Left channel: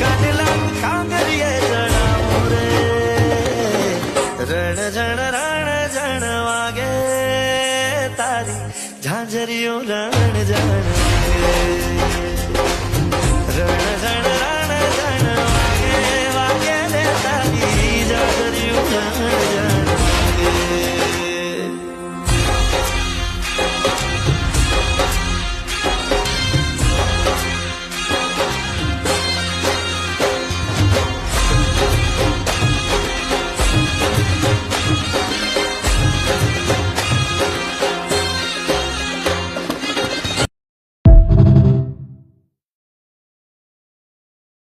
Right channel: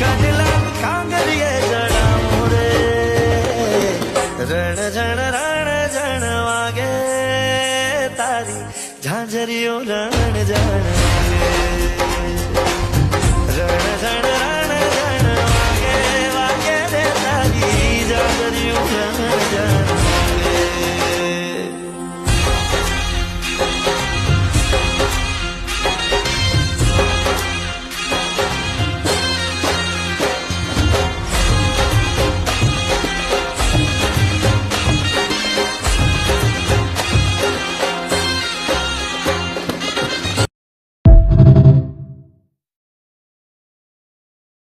કાઢલા કાંગરીએ જણાવું રે રણ જણ વાગે તારી ઝાંઝરીઓ રણ જણ વાગે